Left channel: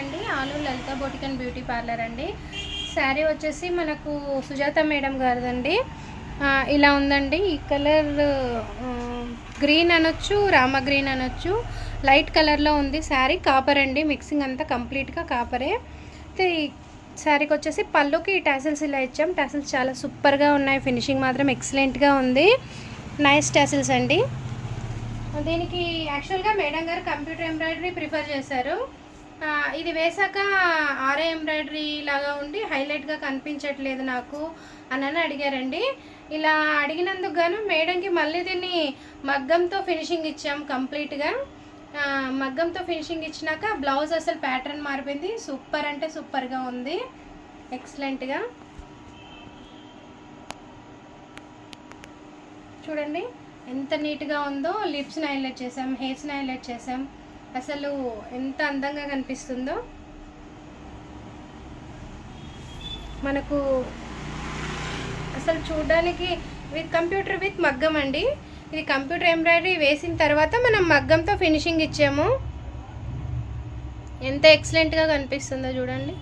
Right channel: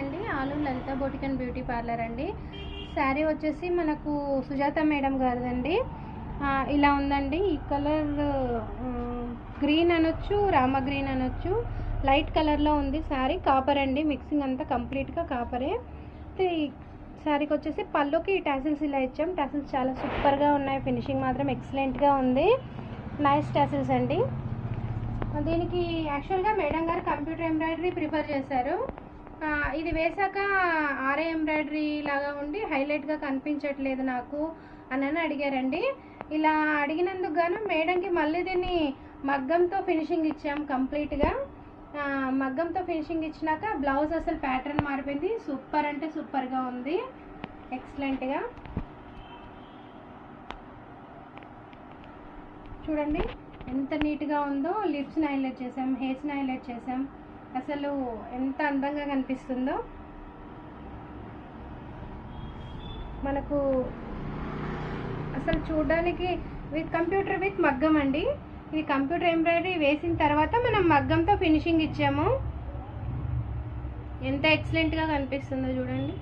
అండి ఆలు లలిత boutique and beauty parlour అండి. శారీ వచ్చేసి మనకు సుజాత మేడం గారిదండి. ఇలా ఉందండి. ఈ కలర్ గ్రీన్ అనొచ్చు, రామ గ్రీన్ అనొచ్చు. లైట్ కలర్లో ఉంది శారీ. కాపర్ అండి, మిక్సింగ్ అంతా కంప్లీట్గా కాపరే. శారీకి వచ్చేసి పళ్ళుకి టాసిల్స్ ఇలా ఇచ్చాం. టాసిల్స్ చాలా సూపర్గా ఉన్నాయి. ఫినిషింగ్ మాత్రం ఎక్సలెంట్గా ఉంది. నైస్ టాసిల్స్ అండి. దీనికి యాక్చువల్గా మేడం గారు కంప్యూటర్ ఎంబ్రాయిడరీ ప్రిఫర్ చేశారు. ఇది వేసాక ఆరే ఎంబ్రాయిడరీ లాగా ఉండి హైలైట్గా కనిపించట్లేదు నాకు అని అడిగారండి. ఇలా అడిగినందుకు గాను మేడంకి మళ్ళీ దీన్ని మగ్గంతో ఫినిషింగ్ ఇచ్చాం. కంప్లీట్గా మగ్గంతో ఫినిషింగ్ ఇచ్చినాక బ్లౌజ్ అసలు ప్యాటర్న్ మారిపోయింది. సూపర్ అంటే సూపర్గా ఉంది, ఎక్సలెంట్గా. చూడండి ఎంత నీట్గా ఉందో. లిప్స్ని హైలైట్ చేసాం, హెయిర్స్ని హైలైట్ చేసాం. అసలు ఎంత అందంగా కనిపిస్తుందో. మనకు అసలు చూడడానికి కంప్యూటర్ విత్ మగ్గం అండి. ఇది కంప్యూటర్ ఎంబ్రాయిడరీ వేసిన తర్వాత మనం మగ్గంతో ఫినిషింగ్ ఇచ్చాము. ఎంత ఎక్సలెంట్గా కనిపిస్తుందో చూడండి.